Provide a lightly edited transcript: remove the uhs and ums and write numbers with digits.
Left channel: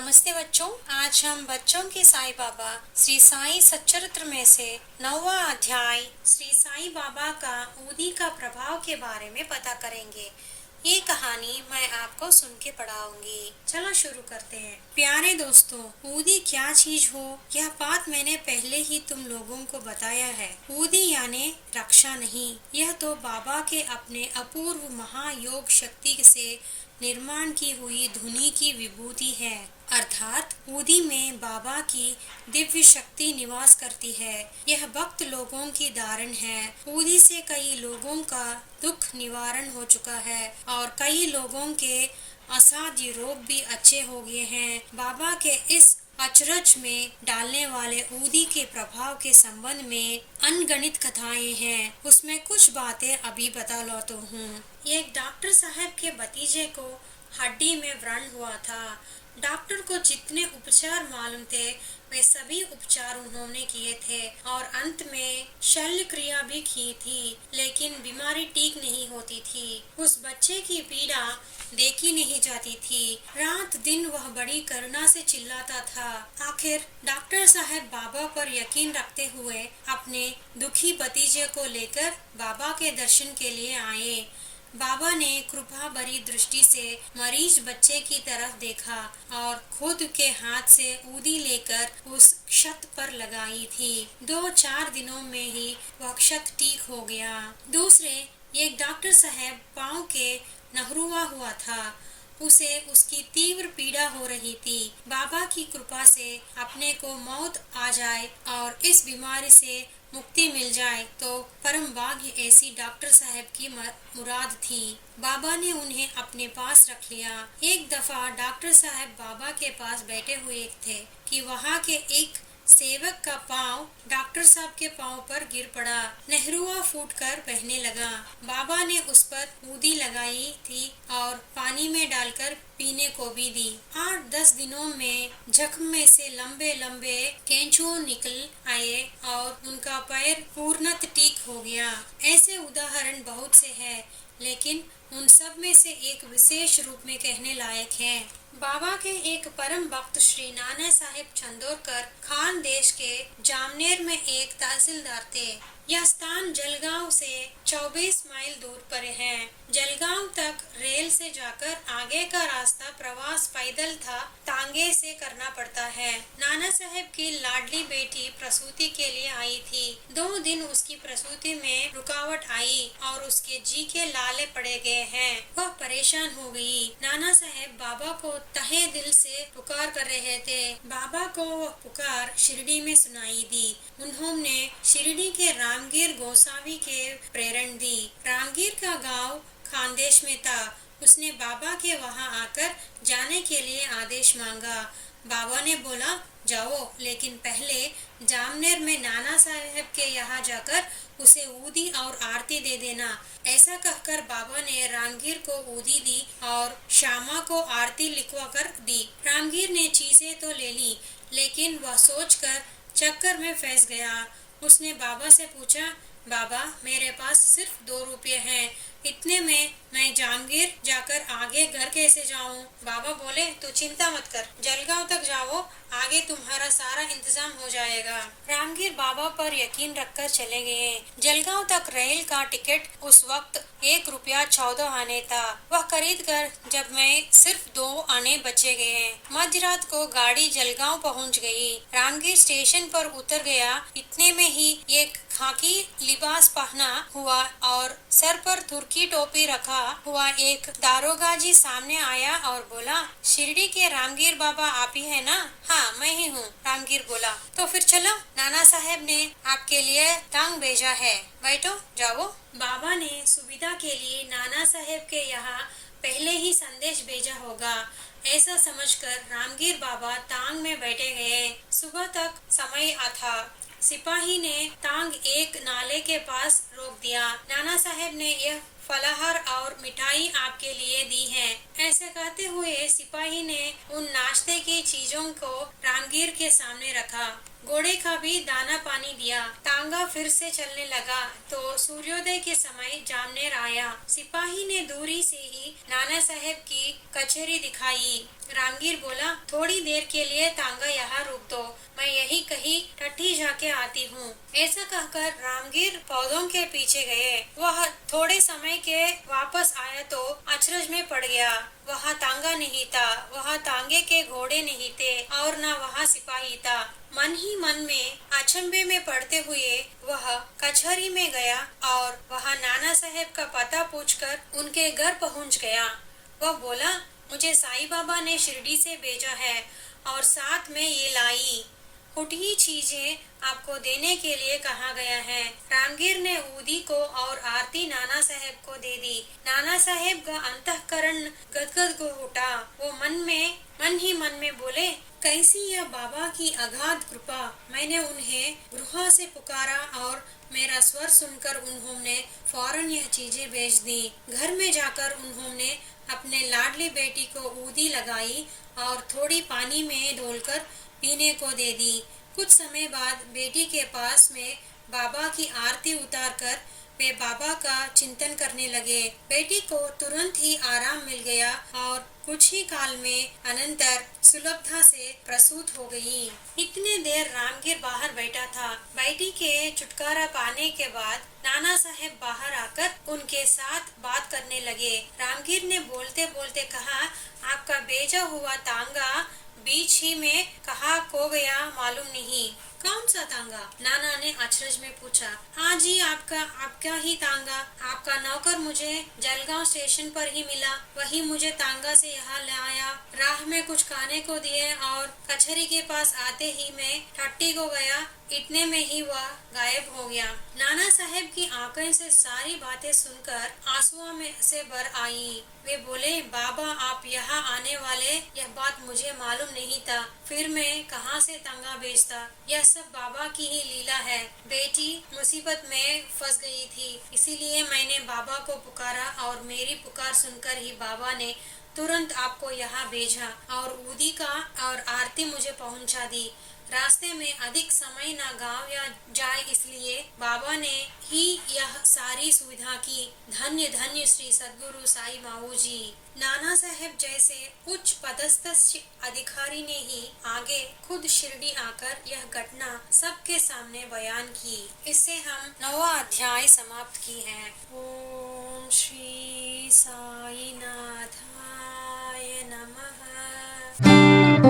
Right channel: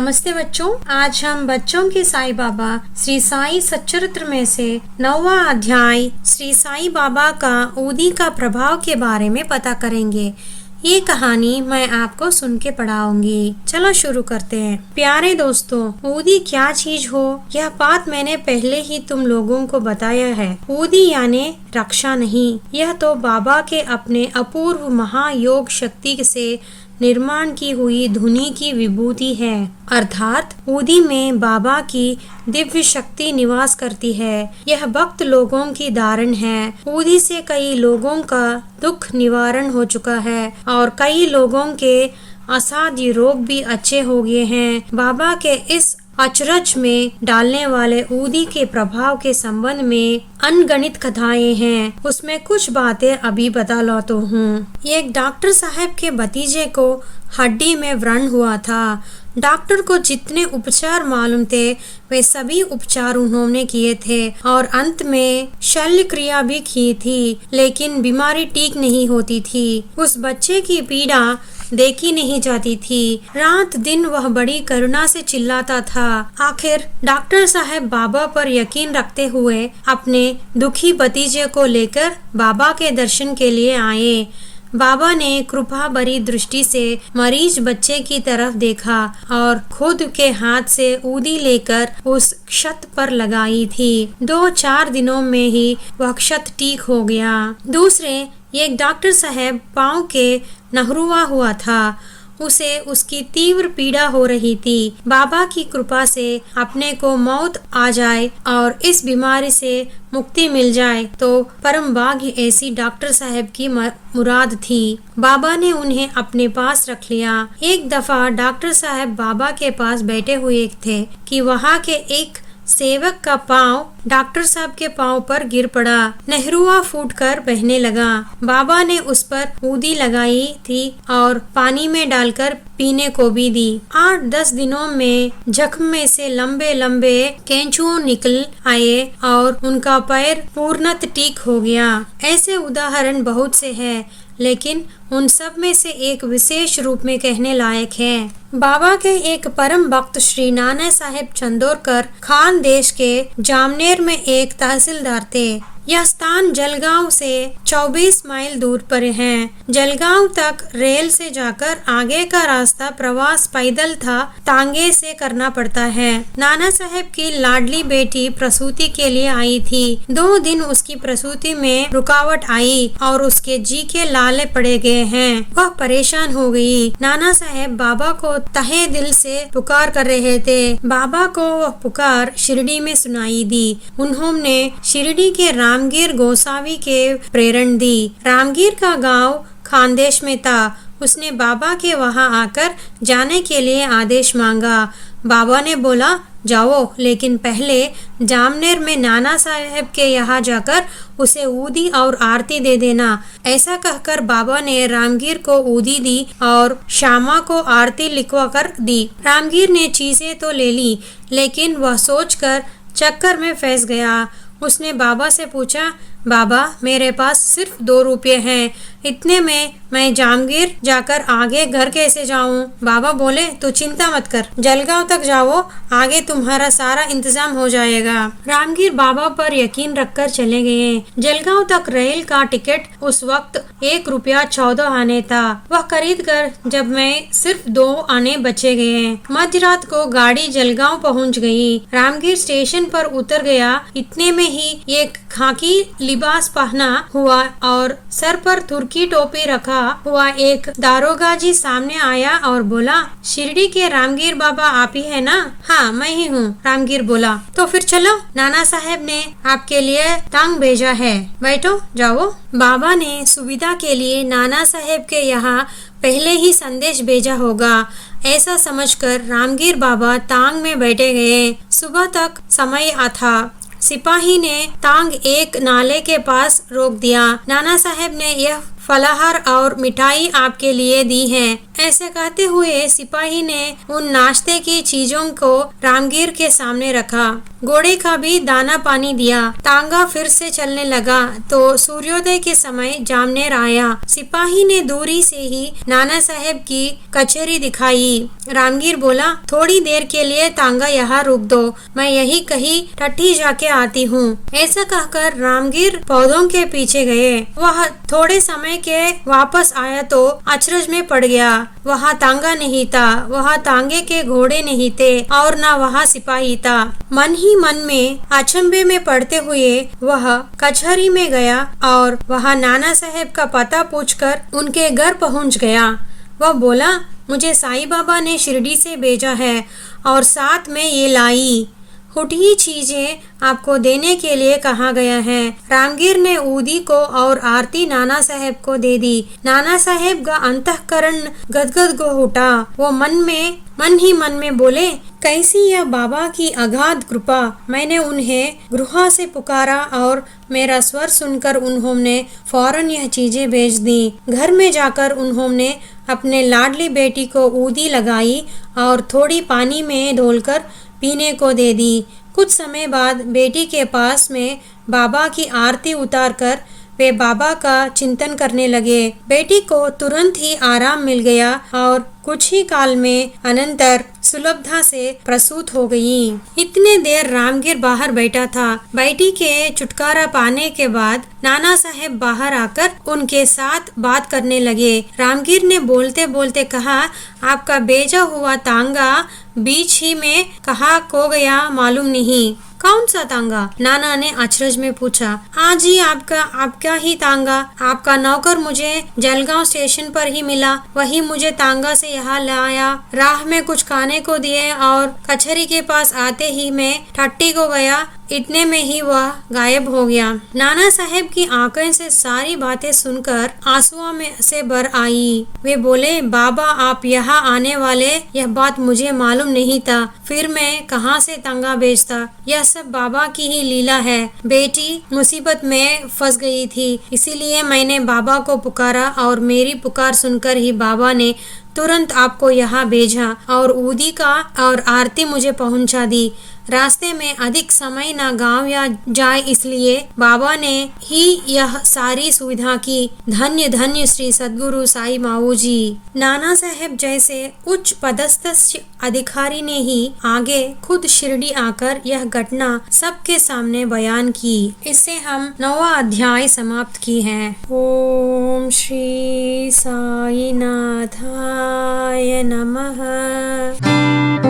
नमस्ते बच्चों, आज हम बच्चों के साईं बाबा श्री साईं सच्चरित्र में से 9वां अध्याय श्री साईं बाबा का ऊदी का प्रभाव के बारे में पता करेंगे। ये कहानी मैं आपको सुन के पढ़ाऊंगी। चलो शुरू करते हैं। प्यारे दोस्तों, ऊदी क्या चीज हो यह बात मैंने पहले ही तुम लोगों को बताया है। ऊदी यानी रक्षा नहीं, यह तो बाबा के अपने अपूर्व महायोग शक्ति से निर्माण की हुई धुनी की विभूति है। अर्थात ऊदी में बाबा की दिव्य शक्ति निवास करती है। यह भक्त लोगों की धारण है। ऊदी से कई लोगों का दुख निवारण हो चुका है और कई लोगों के असाध्य रोग भी अच्छे हो गए हैं। बाबा के इस अचरज में डालने वाले ऊदी के प्रभाव के संबंध में अनगणित कथाएं हैं। उसमें कुछ बातें अभी बता लाता हूँ। एक डॉक्टर साहब के भतीजे को हड्डी में व्रण हुआ था। डॉक्टर को जितने उपचार मालूम थे वे सभी उपचार उन्होंने किए थे और अंत में शल्य क्रिया भी की थी, लेकिन बीमारी ठीक नहीं होती थी। उस बच्चे की पीड़ा देखी नहीं जाती थी। रात दिन वह बड़ी करुणा से चिल्लाता था। आखिर डॉक्टर साहब बाबा पर यकीन रखते हुए अपने दुखी भतीजे को लेकर बाबा के दर्शन के लिए आए। बाबा ने कृपा भरी दृष्टि से मरीज बच्चे की तरफ देखा और खुद के हाथ से ऊदी लेकर उस क्षत पर लगाई थी। 2-4 दिनों में ही वह क्षत ठीक हो गया। दूसरे एक डॉक्टर साहब पाँव के नहरुआ हुआ था। उसे उसकी तीव्र पीड़ा हो रही थी। बाबा की कृपा से अपने को मौत आ जाए और इस बीमारी से मुक्ति मिल जाए तो परम भाग्य ऐसी डॉक्टर साहब की मुराद थी। बाबा ने उन्हें अपने पास रख लिया। एक दफा डॉक्टर साहब बाबा के पास बैठे हुए थे कि वहाँ के एक सेवक का पाँव डॉक्टर साहब के पाँव पर गिर पड़ा। नहरुआ फूटकर बहने लगा। बाबा ने उस पर ऊदी लगाई थी और पानी में डालकर पीने को भी दी। 8-10 दिनों में जख्म में से लंबे लंबे कैंचुओं निकल आए और उनका पैर पूर्णत ठीक हो गया। ऐसे उदाहरण बहुत से हैं, लेकिन उन सब में से एक विशेष रूप में कहने लायक है। बाबा के एक परम भक्त श्री नाना साहेब चंदोरकर खान देश के जामनेर में एक तहसीलदार थे। यह स्थान जलगांव से 24 माइल दूर पर है। जलगांव तक रेल से जाकर आगे का रास्ता प्रवास पैदल था तांगे से करना पड़ता है। नाना साहेब की लाडली बेटी प्रसूति के लिए आई थी। 2 दिन उसकी प्रसूति में रुकावट आई और उसके जी के लाले पड़े गए हैं। वह परेशान हो गई। नाना साहेब बाबा को तहे दिल से पुकार कर रहे थे। बाबा को वह पुकार शिरडी में सुनाई दी। उन्होंने शिरडी के रामगीर गोसावी के प्रेरण दी। रामगीर का गांव खानदेश में था। उसने बाबा के वहां आकर जाने के लिए आदेश मांगा। बाबा ने बोला जाओ, लेकिन पहले जामनेर में नाना साहेब के यहाँ जाकर उसे ऊदी और आरती दे देना। ऐसा कहकर बाबा ने रामगीर को ऊदी दी और श्यामा को आरती लिखवा कर दी। रामगीर ने चीजें तो ले ली, लेकिन वह सोचकर चक्कर में फंस गया। उसने बाबा से पूछा, बाबा मेरे पास सिर्फ 2 रुपये हैं, इतने में मैं जामगीर जाकर आगे घर कैसे जाऊं? बाबा बोले तू चिंता मत कर, जलगांव तक जाओ, आगे तुम्हारा सारा इंतजाम हो जाएगा। रामगीर बाबा पर यकीन रखकर चले गए। जलगांव तक रेल का टिकट उस वक्त 1 रुपया 14 आने था। वह खरीद कर जब मैं सिर्फ 2 आने बचे गए। मध्यरात को गाड़ी जलगांव पहुंच गई। रामगीर स्टेशन पर उतर गया। इतने में ही एक खाकी लिबास पहना हुआ और सर पर तुर्की टोपी रखा हुआ एक दारोगा जी सामने आया और बोला, शिरडी के रामगीर बाबा आप ही है ना? हाँ मैं ही हूँ, रामगीर बोला। तो फिर चलो, नाना साहेब ने आपके लिए तांग भेजा है, बैठो जाओ। बाबा ने सुविधा के लिए नाना साहेब के यहाँ पहले ही संदेश भेजा होगा, ऐसा समझकर रामगीर बाबा तांग में बैठे गए। सुबह तक समय था। सिपाही ने तांग एक नाले के पास रोक दिया। नाना साहेब ने यह फलाहार और मिठाई आपके लिए दी है, ऐसे कहते हुए सिपाही ने उन नाश्ते की चीजों को रामगीर के सामने रखा। घोड़े का भी दाना पानी दिया। तांगा फिर से चलने लगा तो सूर्योदय के समय जामनेर आया। सिपाही ने दूरी से ही नाना साहेब की कचहरी दिखाई। रामगीर बोला, थोड़ी देर के लिए तांगा यहाँ रुक दो, मैं यही कहीं टट्टी जाके आती हूँ। ऐसा कहकर रामगीर पौधों के पीछे गए। वह थोड़े समय के वापस आया तो अचरज में पड़ गया। वहाँ तांगा नहीं था, वहाँ तांगे के घोड़े नहीं थे और न वहाँ सिपाही था। मन ही मन में अचंभे में पड़ते हुए वह कचहरी में गया और वहाँ नाना साहेब का पता पूछकर उनके घर पहुँच गया। वह बोला, मुझे साईं बाबा ने शिरडी से भेजा है और साथ में ये लाई हुटी चीजें आपको देने के लिए कहा गया है। रामगीर ने ऊदी को और आरती नाना साहेब को दे दी। नाना साहेब का अंतःकरण गदगद को उठा। वो मन ही मन में बोले, कैसी यह बाबा की अगाध कृपा। मैंने उन्हें गृह से पुकारा और मेरा स्वर सुनकर उन्होंने फौरन यह चीजें भेज दी। घर में जाकर उन्होंने अपने लाडली बेटी को ऊदी लगाई और थोड़ी पानी में धोलकर पीने को दे दी। कुछ समय बाद बेटी के पास में बाबा की आरती उतारकर वे बाबा का चिंतन करने लगे। बेटी को तुरंत ही आराम मिल गया और कुछ ही काल में अनंतर सुलभता से प्रसूत हो गई। इतने देर रामगीर बाहर बैठा था। बेटी के छुटकारा पाने के बाद नाना साहेब बाहर आकर उनके साथ बात करने लगे। रामगीर ने बोलते बोलते कहा, आपका भेजा हुआ तांगा बीच ही में कहाँ खो गया मालूम नहीं। कौन सा तांगा? नाना ने अचरज में पूछा। आज ही आपका ही तांगा। आपका नौकर मुझे जलगांव स्टेशन पर ही मिला, वही मुझे तांगा से यहाँ लाया। राह में कुछ खाने को दिए और कचहरी के पास आते ही मैं टट्टी को गया, इतने में ही वह गायब हो गया। नाना साहेब की आंखें से सारी बातें सुनकर आंसुओं में से भर आई। वे बोले, बाबा आप यहाँ आने वाले, यह बात मुझे मालूम नहीं था, फिर मैं कहाँ से तांगा बेचता। यह सब बाबा की ही लीला है। बेटी मुसीबत में फंस गई थी, इसीलिए मैंने बाबा को पुकारा और मेरी पुकार सुनकर ही बाबा ने तुरंत आपको यहाँ भेजा और ऊदी का और आरती मुझे पहुँचा दी। रास्ते में अधिक समय न गांव या जाए, इसलिए बाबा ने ही यह सारी सुविधा की। धन्य धन्य श्री सद्गुरु साई माऊ जी। नाना साहेब जैसे उच्च पदस्थ अधिकारी ने ही आगे खुद शिरडी आकर यह घटना सबके सामने बयान की। इससे हम 9वां अध्याय समाप्त की है। ओम श्री साई नाथाय नमः।